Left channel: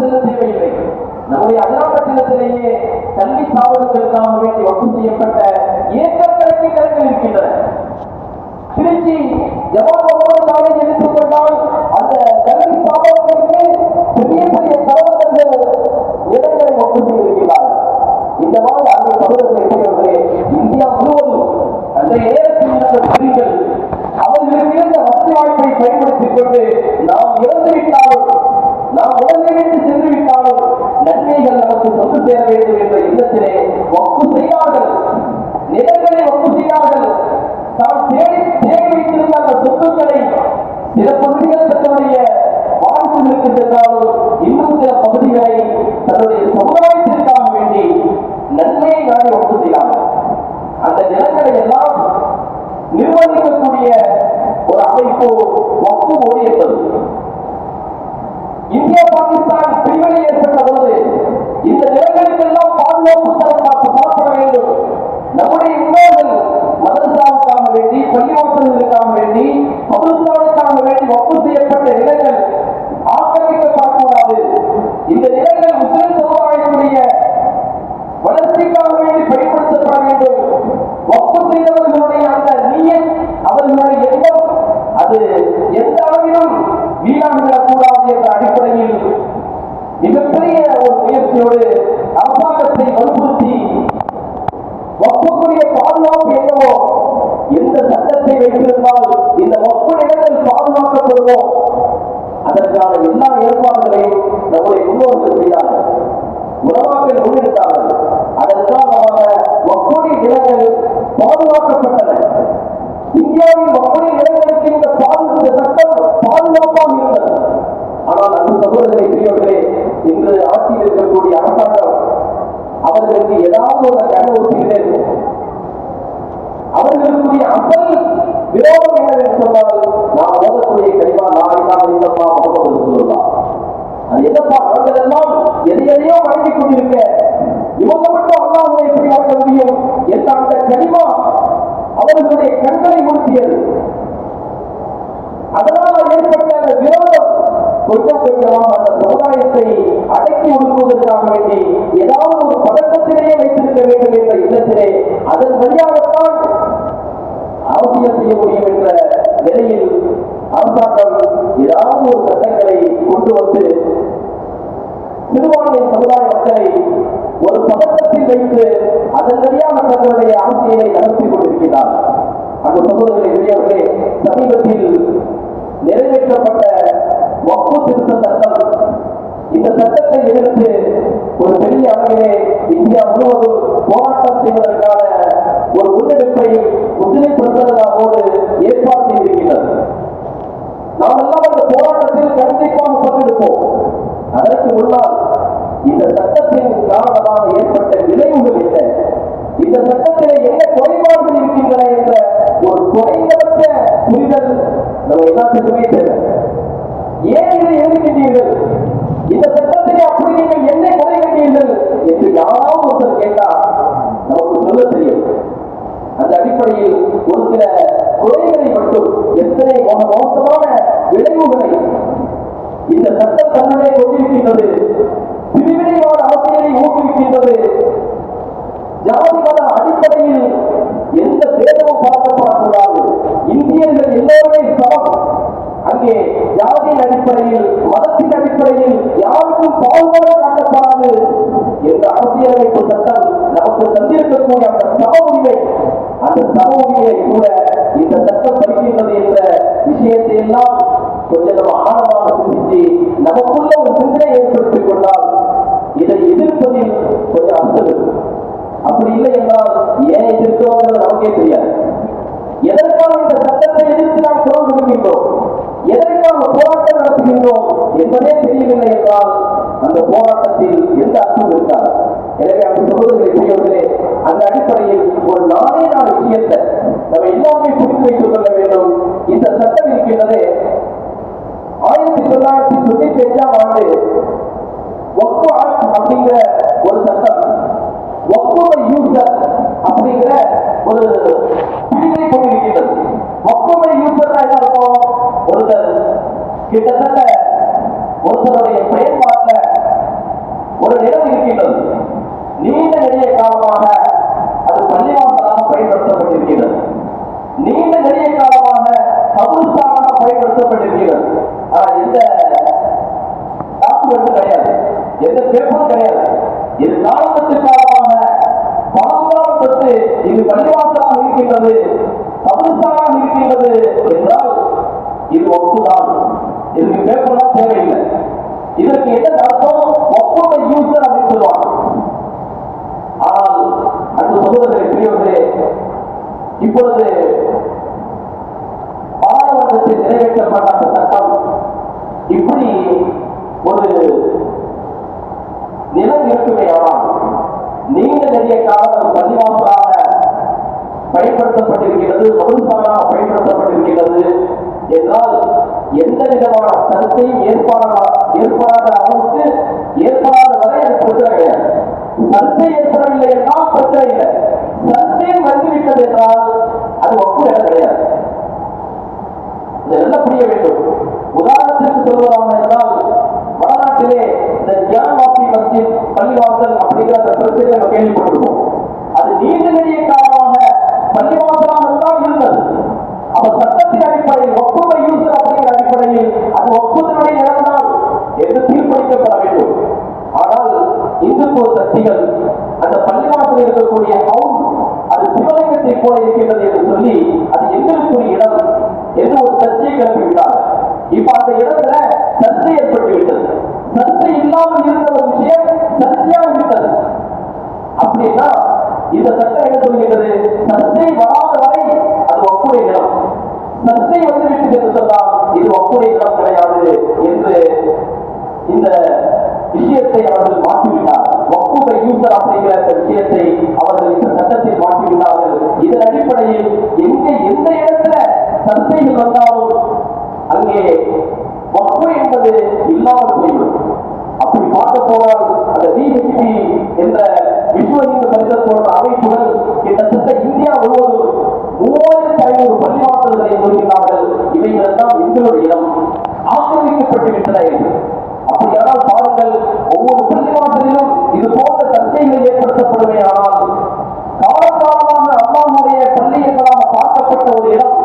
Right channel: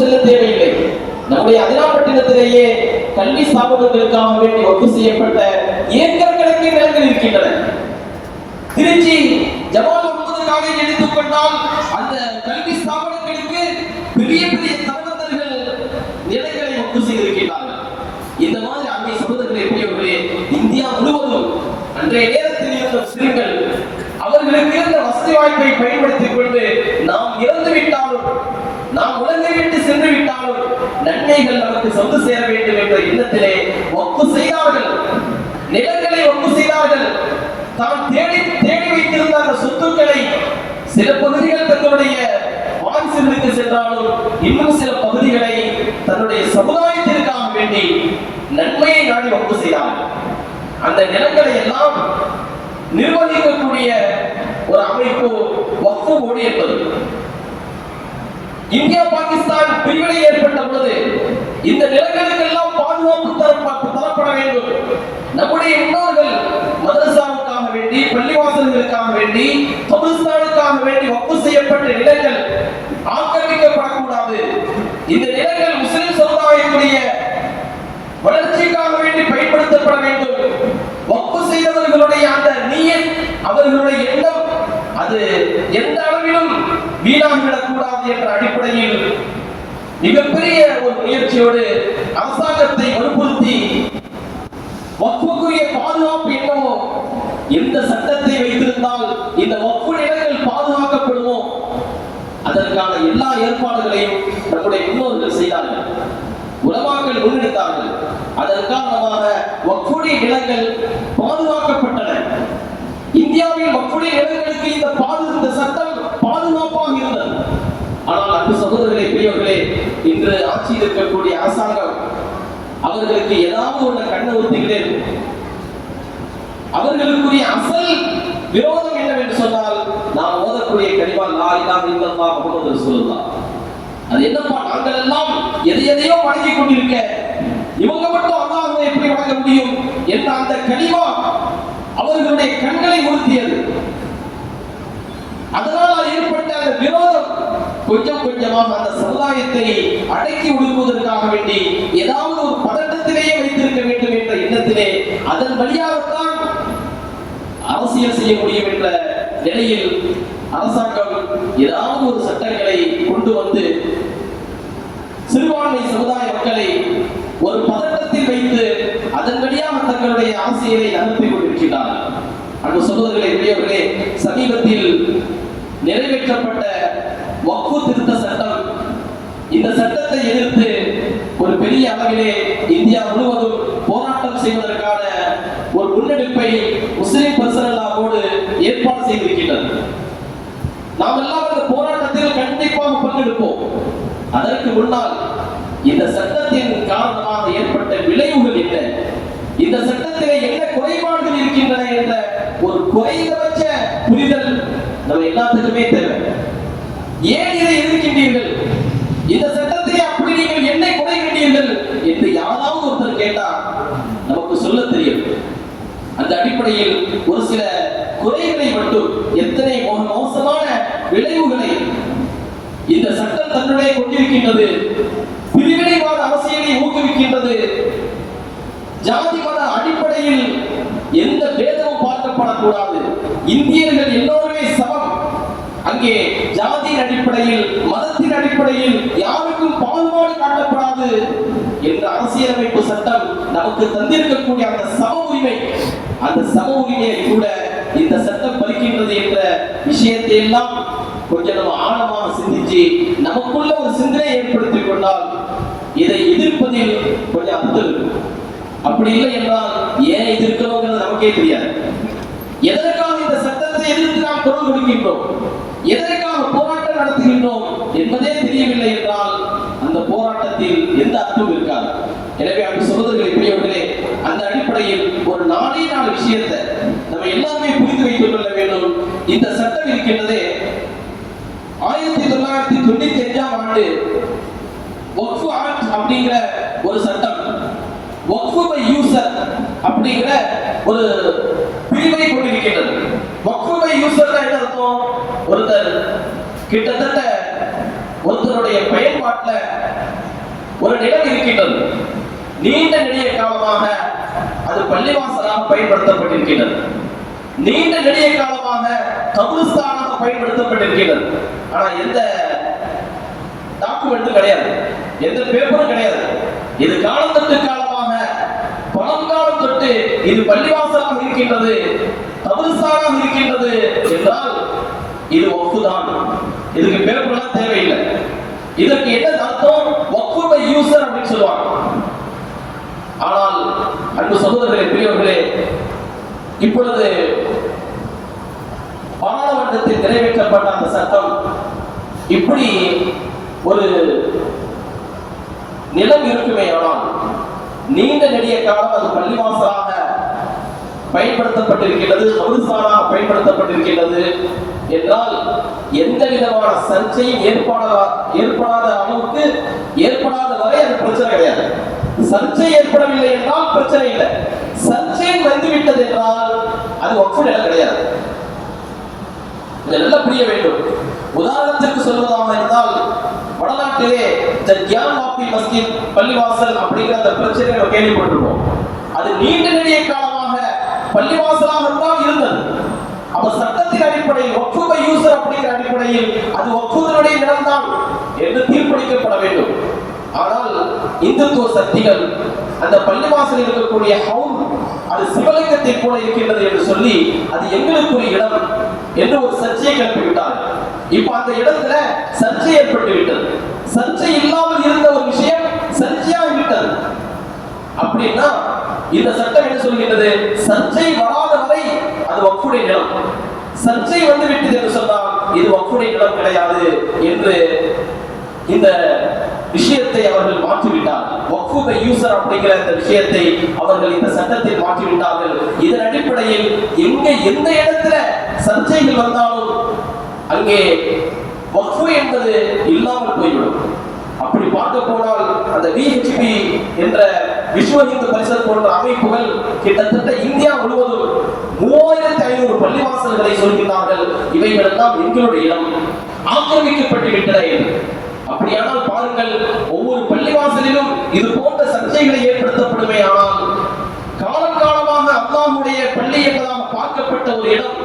செல்ல தேவையில்லை. நம்முடைய அதிராப்பட்டினத்திலேயே கல்வி ஸ்தாபனங்களுக்காக வேண்டி வகுப்பு செய்யப்பட்ட ஏக்கர் கணக்கில் நிலங்கள் இருக்கின்றன. திருச்சி ஜமால் முகமது காலேஜ் எடுத்துக்கொண்டால் அந்த கல்வி ஸ்தாபனங்களுக்கு பெரிய பெரிய தரவந்தர்கள் நிலங்களை ஒப்பு செய்திருக்கிறார்கள் இந்த மாதிரி அன்னை சகோதரர்களை பெரியவர்களே இந்தியா முழுவதும் அன்றைய நேரத்தில் இருந்த முஸ்லிம்கள் அவர்களுக்கு இருந்த வசதி வாய்ப்பை பயன்படுத்திக் கொண்டு நாம் இறந்து விட்டாலும் நாம் உலகை விட்டு நன்மைகள் நமக்கு சொந்து சேர வேண்டும் என்ற எண்ணத்திலே ஒப்பு செய்தார்கள். நிலங்களை ஒப்பு செய்தார்கள். தான் தேடி தேடி வைத்திருந்த அந்த சொத்துக்களை சில பகுதிகள் தங்களுடைய வாரிசுகளுக்கு சென்றாலும் இன்னும் சில பகுதிகளை தன்னுடைய சமுதாயத்திற்காக வேண்டி நன்மையை நாடி ஒப்பு செய்தார்கள். அந்த நிலங்களை எல்லாம் நிர்வகிக்கக்கூடிய ஒரு அமைப்பு வக்கு போர்டு என்பது. இந்தியா பாகிஸ்தான் பிரிவினை ஏற்பட்ட பொழுது இந்த நிலங்களுக்கெல்லாம் பாதுகாப்பு தரப்பட வேண்டும். நம்முடைய முன்னோர்கள் மதரசாவுக்காக வேண்டி பள்ளிவாசல்களுக்காக வேண்டி கபிரிஸ்தானுக்காக வேண்டி ஒப்பு செய்யப்பட்ட நிலங்கள் ஆக்கிரமிக்கப்படக்கூடாது. இந்த நிலங்கள் முஸ்லிம் சமுதாயத்துடைய வளர்ச்சிக்காக வேண்டி பயன்படுத்தப்பட வேண்டும். ஒப்பு செய்தவர்களுடைய அந்த நீயன் அவர்களுடைய எண்ணம் அது எந்த அளவிலும் வீணாகிவிடக் கூடாது என்ற அடிப்படையில் மிகப்பெரிய ஒரு முயற்சியோடு அரசாங்கத்தை வற்புறுத்தி வக்குக்குரிய பாதுகாப்பு என்னவோ எந்த சட்டத்தை வைத்திருந்தால் இந்த வக்கு நிலங்கள் பாதுகாக்கப்படுமோ அதற்கான எல்லா ஏற்பாடுகளையும் நம்முடைய முன்னோர்கள் செய்தார்கள். உலமாக்கள் முன்னெடுத்தார்கள். அதற்காக காரணமாக வக்குடி நிலங்கள் பாதுகாக்கப்பட்டன. இந்தியாவில் வக்குடி நிலங்களுக்கு இந்த பாது இந்த சட்டம் பாதுகாப்பாக இருந்தது. ஆனால் அன்பு சகோதரர்களே பெரியவர்களே இன்று ஆட்சியில் இருக்கக்கூடிய அரசாங்கம் அவர்களுக்கு ஏதாவது ஒரு கண்ணை ஊத்திக்கிட்டே இருக்கும் அவர்களுக்குரிய அசல் விரோதம் என்னவென்று சொன்னால் லா இல்லப்பா முகமது ரசூலுல்லா அது என்னப்பா நாங்கள் எல்லாம் எதை எதையோ வழங்கிக் கொண்டிருக்க இவங்க மட்டும் அல்லாஹ்வை எப்படி வழங்க முடியும் என்ற அந்த கனிமா அவர்களுடைய கண்களை உறுத்தியது. அதனால் ஏற்பட்ட அந்த விரோதம் கொஞ்சம் கொஞ்சமாக அந்த சமுதாயத்தை அடக்கி ஒடுக்குவதற்காக வேண்டி ஏதாவது ஒரு பதட்டத்திலேயே வைத்திருக்க வேண்டும் என்ற எண்ணத்திலே அதன் வழியாகத்தான் அரசியல் செய்ய முடியும் என்ற நிலையில் அரசாங்கம் ஏதாவது ஒரு சட்டங்களை கொண்டு வந்து சிறுபான்மை சமுதாய மக்களை ஒரு பதட்டத்தில் வைத்து அதன் வழியாக தங்களுடைய அரசியலை நகர்த்தி கொண்டிருக்கிறார்கள் அன்பு சகோதரர்களே பெரியவர்களே சமீபத்தில் நிறைவேற்றப்பட்ட வக்ஃபு திருத்த சட்டம் இந்த சட்டத்தை எதிர்த்து ஒரு பெரிய அளவிலே இந்தியா முழுவதும் போராட்டம் செய்வதற்கான ஒரு முன்னெடுப்பை முஸ்லிம் பர்சனலாவோடு ஏற்பாடு செய்திருக்கின்றது நாம் எல்லாம் அந்த போராட்டத்தில் கண்டிப்பாக பங்கெடுப்போம் அதற்கு முன்னால் இந்த சட்டத்தின் காரணமாக ஏற்பட்ட விளைவுகள் என்ன? இந்த சட்டத்திலே என்ன குறைபாடுகள் இருக்கின்றன என்ற ஒரு குறைந்தபட்ச புரிதல் நம்ம எல்லாத்துக்குமே தேவை. ஏன் இதை எதிர்க்கின்றீர்கள்? இந்த சட்டத்தை அப்படி நீங்கள் என்ன குறை கண்டீர்கள் என்று யாராவது ஒருத்தர் கேட்டால் நமக்கு சொல்ல தெரியும். அந்த அடிப்படையில் ஒரு சில குறைகளை மட்டும் எத்தனை மோசமான விளைவுகளை இந்த சட்டம் தன்னுடைய கொண்டிருக்கின்றது. பிரிவினைவாத அரசியலை ஊக்குவிக்கின்றது. ஜாதி மத அடிப்படையில் எந்த பேதமும் பார்க்கப்படக்கூடாது. இந்தியர்கள் எல்லோருமே சமம். அங்கே ஜாதியின் அடிப்படையில் மதத்தின் அடிப்படையில் யாருக்கும் பாகுபாடு காட்டப்படாது என்ற அரசியலமைப்பு சட்டம் நமக்கு தந்திருக்கக்கூடிய அந்த சம உரிமை அந்த சம உரிமையை கூட இந்த சட்டம் பலிக்கின்றது என்ற விஷயத்தை எல்லாம் கொஞ்சம் நம்ம ஆழமாக சிந்திச்சு நமக்குள்ள ஒரு சிந்தனை ஏற்படுத்திக் கொண்டால் இதை எதிர்ப்பதில் கொஞ்சம் அப்படி இல்லை என்றால் ஏன் எதிர்க்கிறோங்கிறது நமக்கே தெரியாது. எதற்காக இந்த சட்டத்தை எதிர்த்து நாம் குரல் கொடுக்கின்றோம்? எதற்காக போராட்டம் நடத்துகின்றோம் என்பதே தெரியவில்லை என்றால் அந்த போராட்டத்தில் எந்த அர்த்தமும் இருக்காது. எனவே அப்படி சகோதரர்களை பெரியவர்களே அந்த அடிப்படையில் ஒரு நாளே நாள் விஷயத்தை நம்ம எல்லாருமே புரிந்து வைத்துக் கொள்ள வேண்டும். இந்த சட்டம் இருக்கின்றதே ஆயிரத்தி தொள்ளாயிரத்தி தொண்ணூத்தி அஞ்சாம் ஆண்டு வக்ஃபு ஆக்ட் அப்படிங்கிற ஒரு சட்டம் வக்ஃபு யூசர் அப்படிங்கிற ஒரு பிரிவை கொண்டிருக்கின்றது. வக்ஃபு யூசர்னா என்ன அர்த்தம்? ஒருத்தர் கிட்டத்தட்ட ஒருத்தருடைய பயன்பாட்டில் ஒரு நிலம் இருக்கின்றது. நீண்ட நெடிய காலமாக அது பள்ளிவாசலாக பயன்படுத்தப்பட்டிருக்கின்றது. நீண்ட நெடிய காலமாக கபுஸ்தானாக பயன்படுத்தப்பட்டிருக்கிறது ஆனா எந்த டாக்குமெண்ட்டும் கிடையாது. எந்த பேப்பரும் கிடையாது. இது காலம் பழங்காலம் தொட்டு இது பள்ளிவாசலாக இருக்கின்றது கபுஸ்தானாக இருக்கின்றது என்றால் இது ஒப்புதான் இதுக்கு பேப்பர்லாம் தேவையில்லை. இதற்கு என்ன அர்த்தம்? ஒப்பு பை யூசர் அப்படின்னு சொல்லுவாங்க. ஆனால் அன்பு சகோதரர்களே பெரியவர்களே இப்பொழுது பாராளுமன்றத்தில் நிறைவேற்றப்பட்ட அந்த சட்டம் இப்படி ஒரு நிலம் இருக்குமே ஆனால் நீண்ட நெடிய காலம் அது பள்ளிவாசலாக பயன்படுத்தப்பட்டிருக்கிறது மருசானாக பயன்படுத்தப்பட்டிருக்கிறது என்றால் எந்த விதமான சர்ச்சையும் ஏற்படாத ஏற்படாத அளவுக்கு ஏற்படாத வரை அது பிரச்சனை கிடையாது. சர்ச்சை ஏற்படவில்லை என்றால் பிரச்சனை இல்லை. சர்ச்சை வந்துவிட்டது என்றால் அது ஒப்பு நிலை கிடையாது. இதை நல்லா புரிய வேண்டும். உதாரணத்திற்கு சொல்வதாக இருந்தால் வடநாட்டிலே இந்த கியான் வாப்பி மஸ்ஜித் பள்ளிவாசல் அப்படிங்கிற அந்த பிரச்சனை நம்ம கேள்விப்பட்டிருக்கோம் அது நீண்ட நெடிய காலமாக பள்ளிவாசலாக தான் இருந்தது. அப்ப சட்டத்தின் அடிப்படையில் ஒப்புமை யூசர் அப்படிங்கிற அடிப்படையில் அது ஒப்புதலுடைய நிலம்தான் என்று தீர்ப்பளிக்கப்பட வேண்டும். ஆனால் இந்துத்துவ சக்திகள் அந்த பள்ளிவாசல் இருக்கக்கூடிய ஹவுன் அது சிவலிங்கத்தை போல இருக்கின்றது என்று சொல்லி அது எங்களுக்குரிய இடம் என்று ஒரு சர்ச்சையை கிளப்பிவிட்டார் இப்ப அந்த இடத்துல சர்ச்சை ஏற்பட்டு விட்டது சர்ச்சை இல்லாமல் இருந்த ஒரு விஷயம் சர்ச்சையாக விட்டது அப்படின்னா இந்த சட்டம் என்ன சொல்கின்றது சர்ச்சை வராத வரை அது வக்குடைய நிலம். சர்ச்சை வந்து விட்டது என்று சொன்னால் இது வக்குடைய நிலம் கிடையாது என்று இந்த விஷயத்தை அவர்கள் மாற்றிவிட்டார். வக்குபை யூசர் அப்படிங்கிற இந்த விஷயத்தை அவர்கள் இந்த சட்டத்தில் மாற்றிவிட்டார்கள். இதன் அடிப்படையில் எங்க எந்த இடத்துல சர்ச்சைகள் வந்தாலும் அங்கே வக்ஃபு என்பது இல்லாமல் போய்விடும். அப்படி பார்க்க போனால் அந்த விஹெச்பி என்ற விஸ்வ இந்து பரிசல் போன்ற அமைப்புகள் கிட்டத்தட்ட இந்தியா முழுவதும் மூவாயிரத்தி ஐநூறு பள்ளிவாசல்களை சொல்கிறார்கள் இவைகளெல்லாம் எங்களுடைய இடம். ஆக்கிரமிக்கப்பட்டு விட்டன அப்படியானால் பாருங்கள் ஒவ்வொரு பள்ளிவாசலிலும் இது போன்ற சர்ச்சைகளை ஏற்படுத்தப்படுமே ஆனால் காலம் காலமாக அல்லாஹுடைய பள்ளி என்பதாக பார்க்கப்பட்ட ஒரு இடம்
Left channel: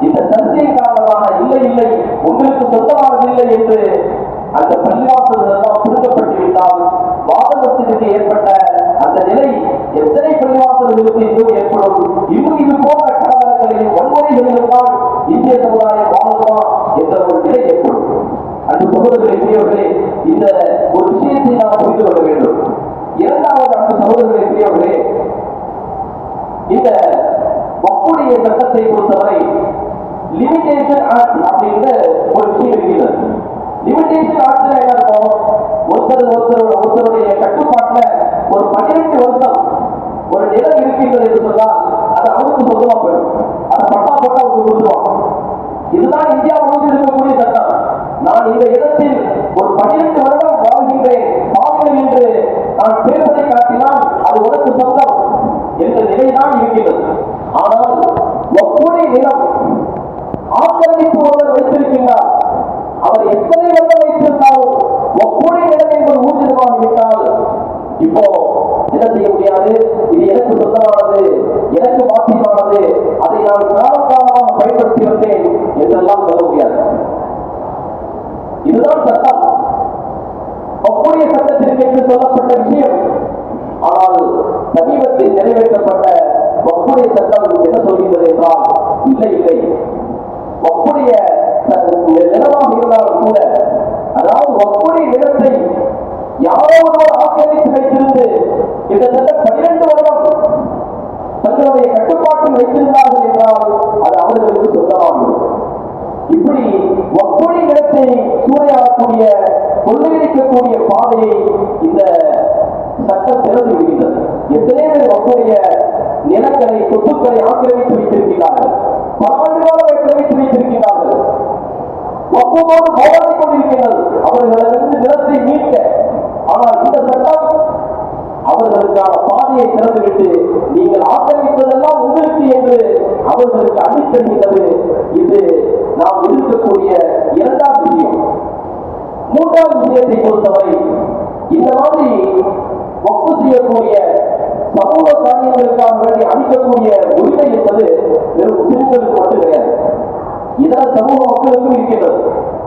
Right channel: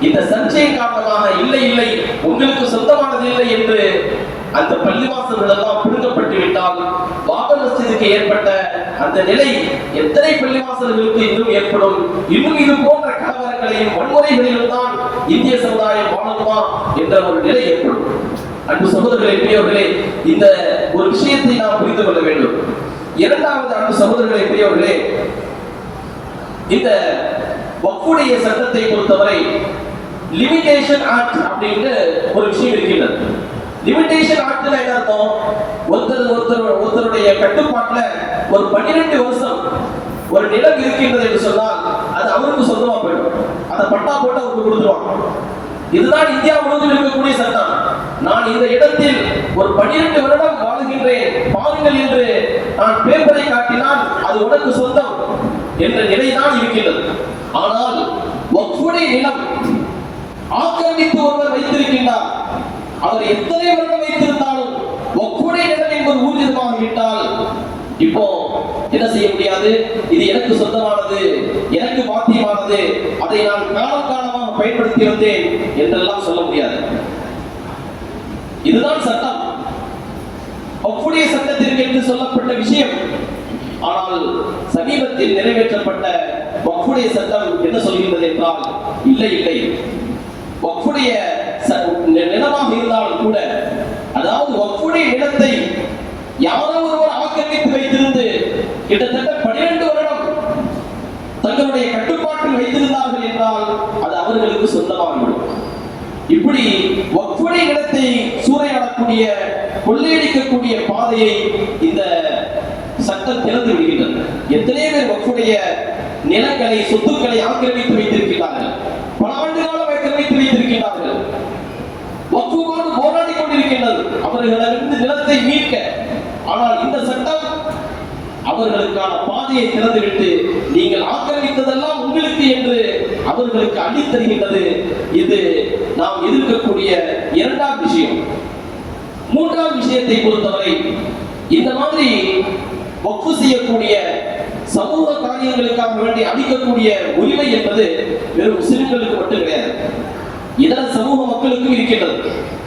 இந்த சர்ச்சையின் காரணமாக இல்லை இல்லை உங்களுக்கு சொந்தமானது இல்லை என்று அந்த பள்ளிவாசல்கள் எல்லாம் பிடுங்கப்பட்டு விட்டால் பாபர் ஏற்பட்ட அந்த நிலை எத்தனை பள்ளிவாசல்களுக்கு இன்னும் ஏற்படும்? இன்னும் இது போன்ற கலவரங்களையும் வன்முறைகளிலும் தான் இந்திய சமுதாயம் வாழணுமா என்ற ஒரு நிலை ஏற்படும். அன்பு சகோதரர்களே பெரியவர்களே இந்த ஒரு விஷயத்தை நாம் புரிந்து கொள்ள வேண்டும். இரண்டாவது அன்பு சகோதரர்களே பெரியவர்களே இந்த வக்குடைய சட்டத்தை பொறுத்தவரை லிமிடேஷன் ஆக்ட் அப்படின்னு ஒரு விஷயம் இருக்கின்றது. லிமிடேஷன் ஆக்ட்ல என்ன அர்த்தம்? ஒருத்தர் ஒருத்தர் ஒருத்தருடைய கட்டுப்பாட்டுல ஒரு பன்னிரெண்டு வருஷம் ஒரு நிலம் இருக்கின்றது என்று சொன்னால் அது அவருக்கு சொந்தமா போயிடும். அதை பட்டா போட்டு அவருக்கு கொடுத்துருவான் இதுதான் இந்தியா முழுவதும் இருக்கக்கூடிய சட்டம். நான் இந்த இடத்தில் ஒரு பன்னிரெண்டு வருடம் வாழ்கின்றேன். பாருங்கள் என்று நான் பேப்பரை காட்டினால் அது உனக்கு சொந்தம் என்ற நிலைதான் இருக்கின்றது. ஆனால் வக்ஃபுடைய நிலம் ஆக்கிரமித்து ஒருவர் வைத்திருக்கின்றார். அவர் எத்தனை வருடம் வைத்திருந்தார்? என்பது இப்போ என்ன செய்ய முடியாது? இது எனக்கு சொந்தமானது எனக்கு பாத்தியமானது அதை நான் காலகாலமாக பயன்படுத்தி வந்தேன் என்றெல்லாம் சொல்ல முடியாது. இதுதான் சட்டம். வக்ஃபுடைய சட்டத்திற்கு என்று சொல்லப்பட்ட விஷயம். ஆனால் சமீபத்தில் நிறைவேற்றப்பட்ட வக்ஃபுடைய சட்டம் என்ன சொல்கின்றது என்றால் இல்லை இல்லை. வக்ஃபுடைய ச- நிலமாக இருந்தாலும் கூட அதாவது வக்ஃபுடைய நிலத்தை யாரோ ஒருவர் ஆக்கிரமித்து வைத்திருந்து கிட்டத்தட்ட பன்னிரண்டு வருடம் தங்களுடைய கட்டுப்பாட்டில் வைத்திருந்தார்கள் என்றால் அது அவர்களுக்கு சொந்தமாகிவிடும் இப்படி வக்ஃபுடைய நிலத்தை சூறையாடக்கூடிய கொள்ளையடிக்கக்கூடிய பாதையை இந்த சட்டம் திறந்து விடுகின்றது. எத்தனை பேர் வக்ஃபுடைய நிலங்களை சொத்துக்களை ஆக்கிரமித்து வைத்திருக்கிறார்கள் பல ஆண்டு காலம் ஆக்கிரமித்து வைத்திருக்கிறார்கள் வக்ஃபுவோடு போராடி கொண்டிருக்கின்றது. அவர்களிடமிருந்து நிலத்தை மீட்க ஆனால் இந்த சட்டம் அவர்களுக்கான பாதையை திறந்துவிட்டு நீங்கள் ஆக்கிரமித்ததெல்லாம் உங்களுக்கு என்று அவர்களுக்கு அளித்தருகின்றது இது நாம் எதிர்க்கக்கூடிய இரண்டாம் விஷயம். மூன்றாம் விஷயத்தை பொறுத்தவரை இந்த மாதிரி வக்ஃபு செய்யக்கூடிய சமூக காரியங்களுக்காக வேண்டி அளிக்கக்கூடிய உரிமை என்பது வெறும் முஸ்லிம்களுக்கு மட்டும் கிடையாது. இதர சமூக மக்களுக்கும் இருக்கின்றது.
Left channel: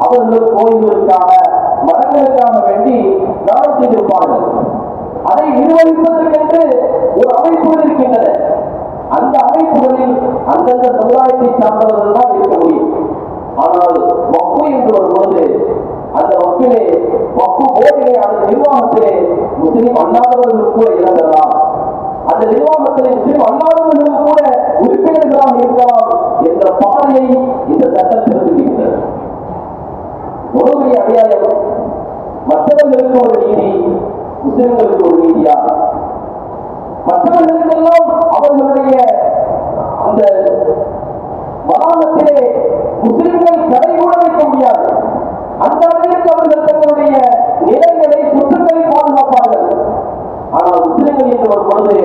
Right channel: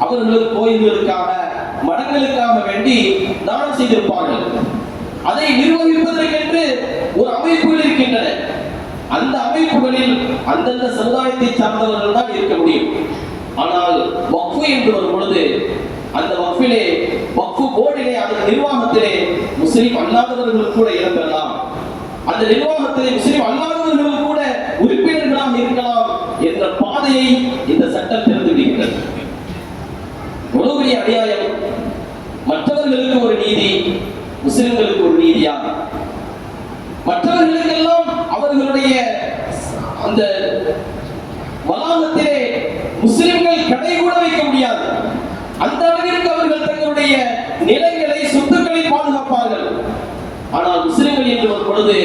அவர்களும் கோயில்களுக்காக மடங்களுக்காக வேண்டி தானம் செய்திருப்பார்கள். அதை நிர்வகிப்பதற்கென்று ஒரு அமைப்புகள் இருக்கின்றன. அந்த அமைப்புகளில் அந்தந்த சமுதாயத்தை சார்ந்தவர்கள் தான் இருக்க முடியும். ஆனால் வக்ஃபு என்று வரும் பொழுது அந்த வக்ஃபிலே வக்ஃபு போர்டிலே அந்த நிர்வாகத்திலே முஸ்லிம் அல்லாதவர்கள் கூட இடம் அந்த நிர்வாகத்திலே முஸ்லிம் அல்லாதவர்கள் கூட உறுப்பினர்களாக இருக்கலாம் என்ற பாதையை இந்த சட்டம் திறந்து விடுகிறது. எவ்வளவு அடியாயம் கிறிஸ்தவர்களுக்கு ஒரு நீதி முஸ்லிம்களுக்கு ஒரு நீதியா? மற்றவர்களுக்கெல்லாம் அவர்களுடைய அந்த வளாகத்திலே முஸ்லிம்கள் கடை கூட வைக்க முடியாது. அந்த அளவிற்கு அவர்கள் தங்களுடைய நிலங்களை சொத்துக்களை பாதுகாப்பார்கள். ஆனால் முஸ்லிம்கள் என்று வரும் பொழுது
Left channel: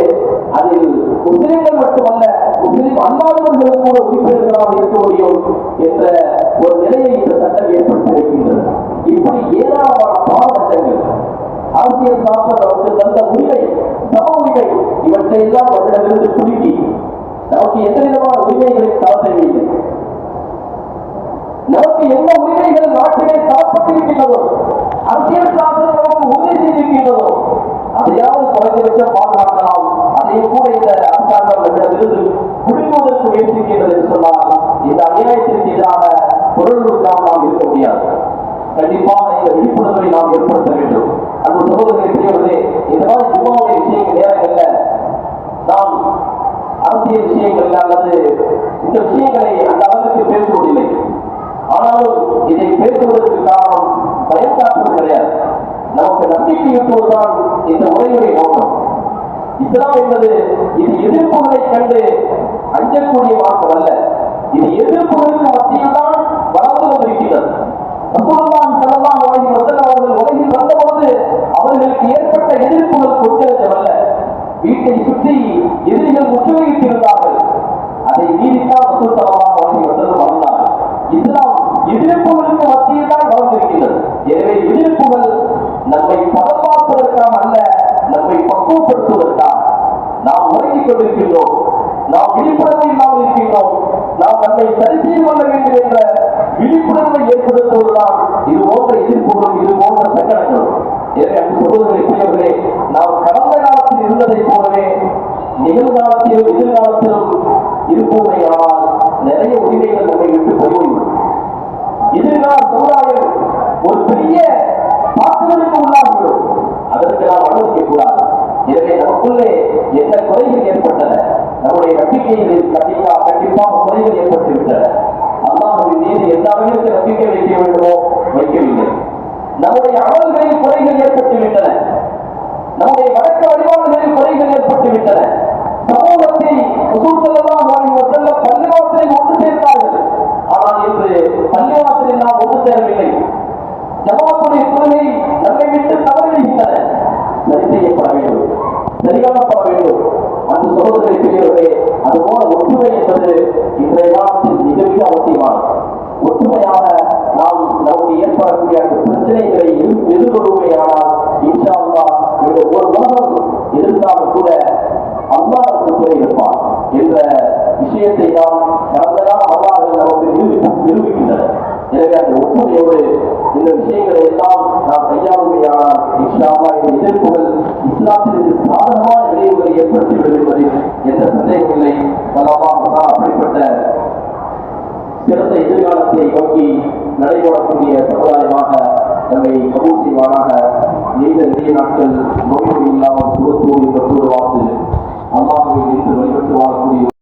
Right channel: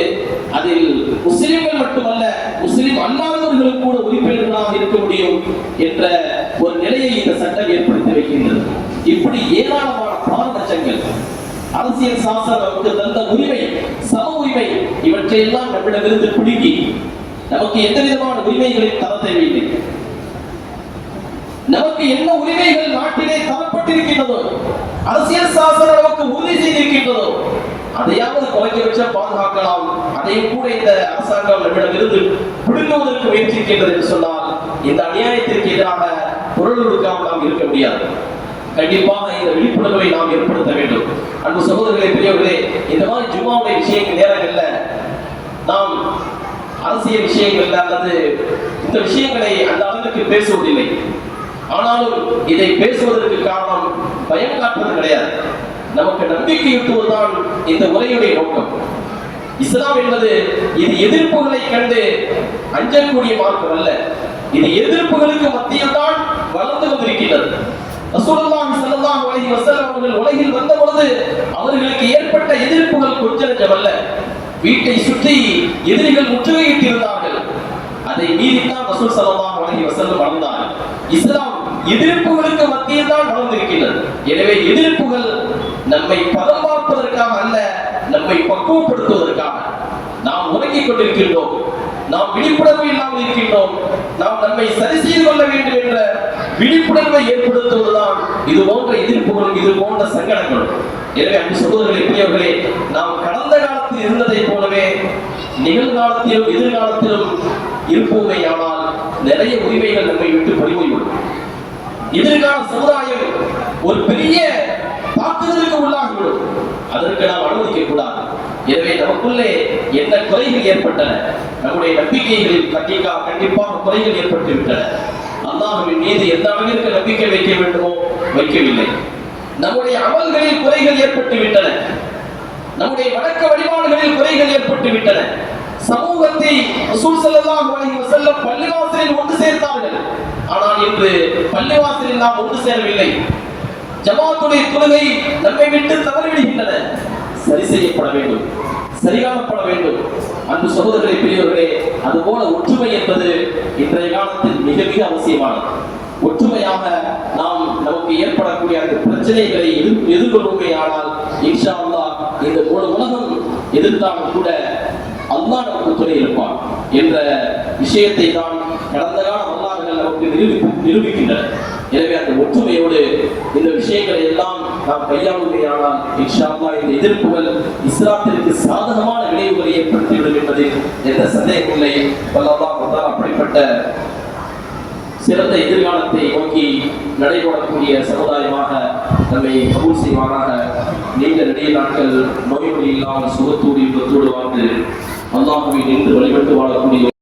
அதில் முஸ்லிம்கள் மட்டுமல்ல முஸ்லிம் அல்லாதவர்களும் கூட உறுப்பினர்களாக இருக்க முடியும் என்ற ஒரு நிலையை இந்த சட்டம் ஏற்படுத்தி வைக்கின்றது. இப்படி ஏராளமான அரசியல் சாசனம் நமக்கு தந்த உரிமை சம உரிமை இவற்றை எல்லாம் நம்மிடமிருந்து குலுக்கி நமக்கு எந்த விதமான உரிமைகளை தர தேவையில்லை. நமக்கு என்ன உரிமைகள் நாட்டிலே தரப்பட்டிருக்கின்றதோ அரசியல் சாசனம் நமக்கு உறுதி செய்திருக்கின்றதோ அதையாவது குறைந்தபட்ச பாதுகாக்கலாம். அதையும் கூட இந்த அரசாங்கம் நம்மிடமிருந்து குடுங்குவதற்கு முயற்சிக்கின்றது என்று சொன்னால் இந்த அநியாயத்திற்கு எதிராக குரல் கொடுக்காமல் நாம் இருக்க முடியாது. கண்டிப்பாக இந்த விழிப்புணர்வை நாம் ஏற்படுத்த வேண்டும். அன்பு சகோதரர்களை பெரியவர்களே இந்த மாதிரி ஜும்மாவுடைய விஷயங்கள் நேரங்கள்ல நாம் அரசியல் விஷயங்கள்ல அல்லது இந்த விஷயங்களை அந்த அளவுக்கு பேசுவதில்லை. ஆனாலும் இதை பேசுவதற்கு காரணம் பயம் காட்டுவது கிடையாது. நமக்கு நம்பிக்கையூட்டுவதுதான் இந்த உரையுடைய நோக்கம். இஸ்லாம் என்பது இது எதிர்ப்புகளை கண்டு அஞ்சக்கூடிய மார்க்கம் அல்ல. இது எதிர்ப்புகளுக்கு மத்தியில் தான் வளர்ந்து கொண்டிருக்கின்றது ரசூலுல்லாஹி ஸல்லல்லாஹு அலைஹி வஸல்லம் அவர்கள் உலகில் வந்த பொழுது அவர்களுக்கு ஏற்பட்ட எதிர்ப்புகள் கொஞ்சமல்ல வீட்டை சுற்றி எதிரிகள் முற்றுகையிட்டு இருந்தார்கள் அதை மீறித்தான் ரசூல் ஸல்லல்லாஹு அலைஹி வஸல்லம் வளர்ந்தார்கள். இஸ்லாம் எதிர்ப்புகளுக்கு மத்தியில் தான் வளர்ந்திருக்கின்றது. எனவே எதிர்ப்புகள் நம்மை பதம் பார்ப்பதற்காக அல்ல நம்மை பக்குவப்படுத்துவதற்காக. நாம் உறங்கிக் கொண்டிருக்கின்றோம். நாம் விழிப்புணர்வு இல்லாமல் இருக்கின்றோம். நாம் நம்மை சரி செய்து கொள்ள வேண்டும் என்ற விழிப்புணர்வை ஏற்படுத்துவதுதான் இது போன்ற எதிர்ப்புகளும் இது போன்ற சங்கடங்களும். எனவே அன்பு சகோதரர்களை பெரியவர்களே நாம் கடந்த காலத்தில் இருந்ததைப் போலவே நிகழ்காலத்திலும் எதிர்காலத்திலும் இருப்போமே ஆனால் நிறைய உரிமைகள் நம்மை விட்டு போய்விடும் எதிர்கால சமுதாயம் ஒரு பெரிய தாக்குதலுக்கு உள்ளாகிவிடும். அதற்கு நாம் அனுமதிக்க கூடாது. எனவே நமக்குள்ளே என்ன குறைகள் ஏற்பட்டன? நம்முடைய நம்பிக்கைகளில் கண்டிப்பா கண்டிப்பாக குறைகள் ஏற்பட்டு விட்டன அல்லாஹுவின் மீது எந்த அளவிற்கு நம்பிக்கை வைக்க வேண்டுமோ வைக்கவில்லை. நம்முடைய அமல்களில் குறைகள் ஏற்பட்டு விட்டன நம்முடைய வழக்க வழிபாடுகளில் குறைகள் ஏற்பட்டு விட்டன சமூகத்தை பள்ளிவாசலில் ஒன்று சேர்த்தார்கள். ஆனால் இன்று பள்ளிவாசலில் நாம் ஒன்று சேரவில்லை. ஜமாத்துடைய தொழுகை நம்மை விட்டு தவறிவிடுகின்றன. சரி செய்யப்பட வேண்டும். சரிகாணப்பட வேண்டும். அன்பு சகோதரரை பெரியவர்களே அதுபோல ஒற்றுமை என்பது இன்றைய காலத்தில் மிக மிக அவசியமானது. ஒற்றுமையாக நாம் நமக்கு ஏற்படக்கூடிய அந்த பிரச்சனைகளை எதிர்- ஆனால் இன்ஷா அல்லா இந்த முழு உலகம் எதிர்த்தாலும் கூட அல்லா நமக்கு துணை இருப்பான் என்ற விஷயத்தை தான் கடந்த கால வரலாறுகள் நமக்கு நிரூபி நிரூபிக்கின்றன. எனவே அந்த ஒற்றுமையோடு இந்த விஷயங்களை எல்லாம் நாம் கையாளுமையானால் இன்ஷா இந்த எதிர்ப்புகள் இஸ்லாத்திற்கு சாதகமான விளைவுகளை ஏற்படுத்திவிடும் என்பதில் எந்த சந்தேகம் இல்லை. வல்லல்லாஹ் அப்படிப்பட்ட சிறந்த எதிர்காலத்தை நோக்கி நடைபெறக்கூடிய சமுதாயமாக நம்மை கபூல் செய்வாராக நீண்ட நிறைய நாட்கள் நோய் நொடி இல்லாமல் சுகத்தோடு இன்பத்தோடு வாழ்ந்து அல்லாஹுவை நின்று வழிபட்டு வாழக்கூடிய